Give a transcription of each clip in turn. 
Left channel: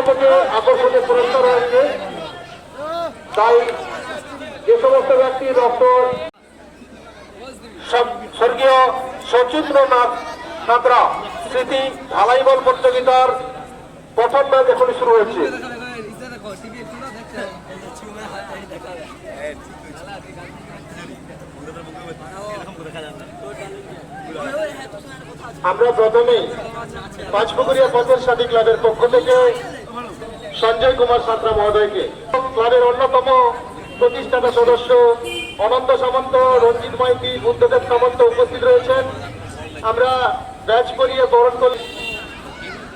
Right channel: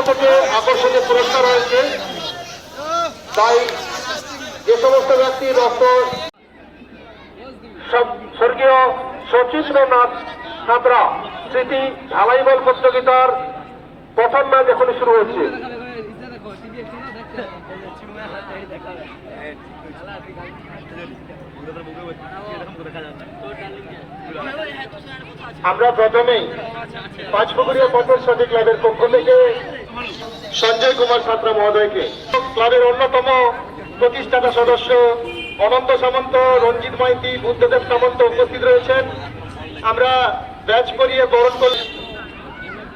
থেকে আকর্ষণীয় পুরস্কার রয়েছে তাই যে সমস্ত ব্যক্তি ডক্টর, সব- স্বর্গীয় সচিন্দ্রনাথ সাঁতরা, স্মৃতি ঢালাইবল প্রতিযোগিতার প্রথম ম্যাচ এখন শুরু হয়েছে। আমরা প্রথমেই পাঁচপুকুরিয়া পথের সাথী ক্লাবের পক্ষ থেকে সঞ্জয় কুমার সাঁতরা মহোদয়কে। ক্লাবের অন্যতম প্রতিষ্ঠাতা সদস্য অনন্ত সামন্ত, রঞ্জিত মাইতি, বুদ্ধদেব সামন্ত উপস্থিত রয়েছেন। আমরা ব্যাচ করিয়ে বরণ করি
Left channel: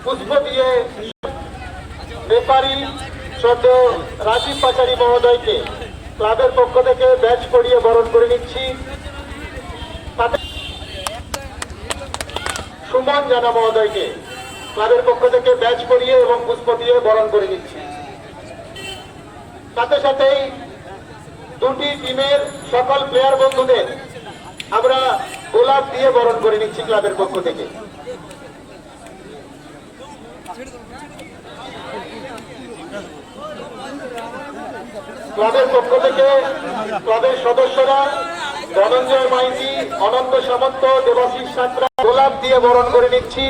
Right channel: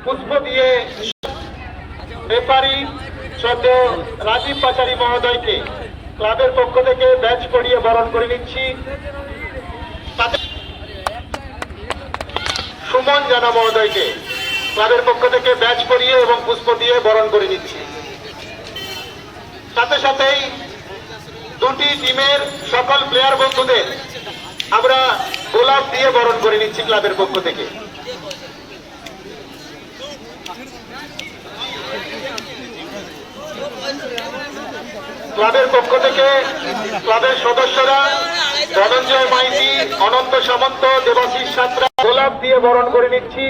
পুষ্প দিয়ে ব্যাপারী সদ্য রাজীব পাচারি মহোদয়কে। ক্লাবের পক্ষ থেকে ব্যাচ করিয়ে বরণ করে নিচ্ছি। সুমন জানা মহোদয়কে। ক্লাবের পক্ষ থেকে ব্যাচ করিয়ে এবং পুষ্প দিয়ে বরণ করে নিচ্ছি। সাথে সাথেই দুটি টিমের সকল প্লেয়ার বন্ধুদের আমরা গোলাপ দিয়ে বরণ করে নিচ্ছি ক্লাবের পক্ষ থেকে। ক্লাবের পক্ষ থেকে ক্লাবের সদস্যরা ধনঞ্জয় মাইতি, অনন্ত সামন্ত, দেবাশিস সাঁতরা গোলাপ দিয়ে বরণ করে নিচ্ছি।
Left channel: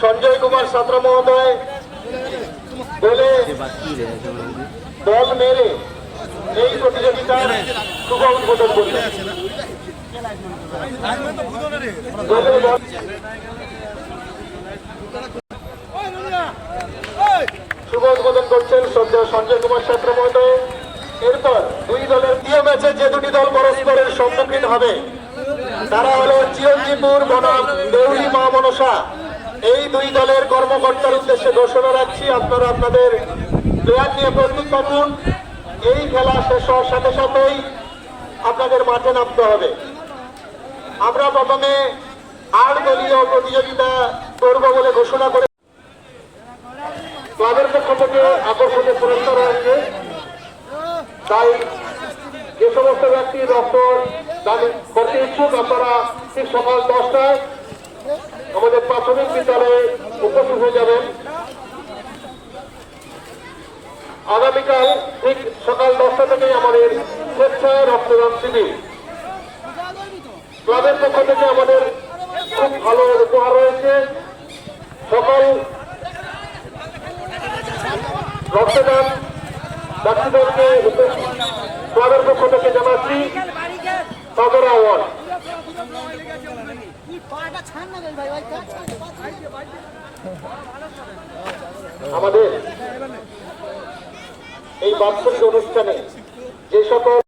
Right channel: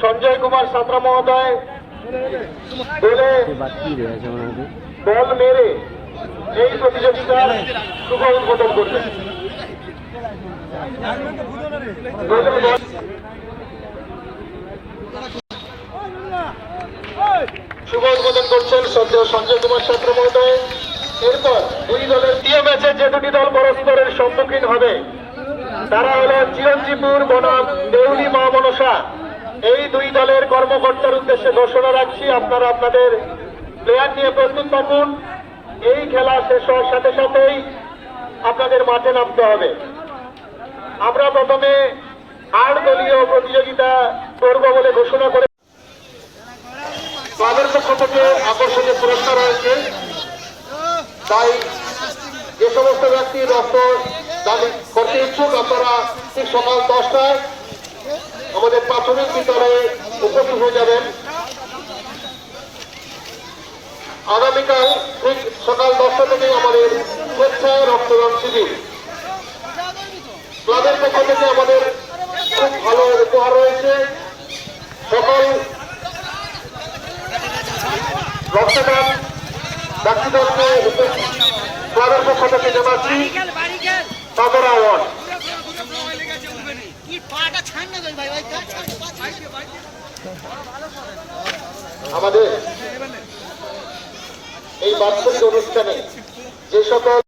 সঞ্জয় কুমার সাঁতরা মহোদয় বলে বল মেরে এই প্রতিযোগিতার শুভ উদ্বোধন করলেন উদ্বোধন করছেন সদ্য সঞ্জয় কুমার ছাত্র মহোদয়। এরপর দুই দলের দিয়ে ম্যাচে যে দুটি দল পরস্পরের সম্মুখীন হবে, তারা হলো চিরঞ্জীবপুর বনাম দেউলি মা মনসা। এই দুই দলের কর্মকর্তার উদ্দেশ্যে ঘোষণা রাখছি, আপনারা আপনাদের প্লেয়ার নিয়ে প্রস্তুত থাকুন। এই খেলা শেষ হওয়ার সাথে সাথেই আপনাদের মাঠে নামতে হবে। আমরা প্রথমে আট দলীয় প্রতিযোগিতা করব বলে ঘোষণা করে থেকে আকর্ষণীয় পুরস্কার রয়েছে। তাই যে সমস্ত ব্যক্তি রক্ত দাবি করতে ইচ্ছুক, আপনারা ঠিক সকাল দশটায় আমাদের প্রাথমিক বিদ্যালয়ে উপস্থিত হয়ে যাবেন। আগামীকাল ঠিক সকাল দশটা থেকে আমাদের স্বেচ্ছায় রক্তদান শিবির। ক্লাবের পক্ষ থেকে আমাদের খুব ভালো উপহার রয়েছে। সকল রক্তদান ব্যক্তিদলকে ক্লাবের পক্ষ থেকে জানাচ্ছি সদর অ্যাওয়ার্ড। আমাদের এই বাৎসরিক অনুষ্ঠানে যে সকল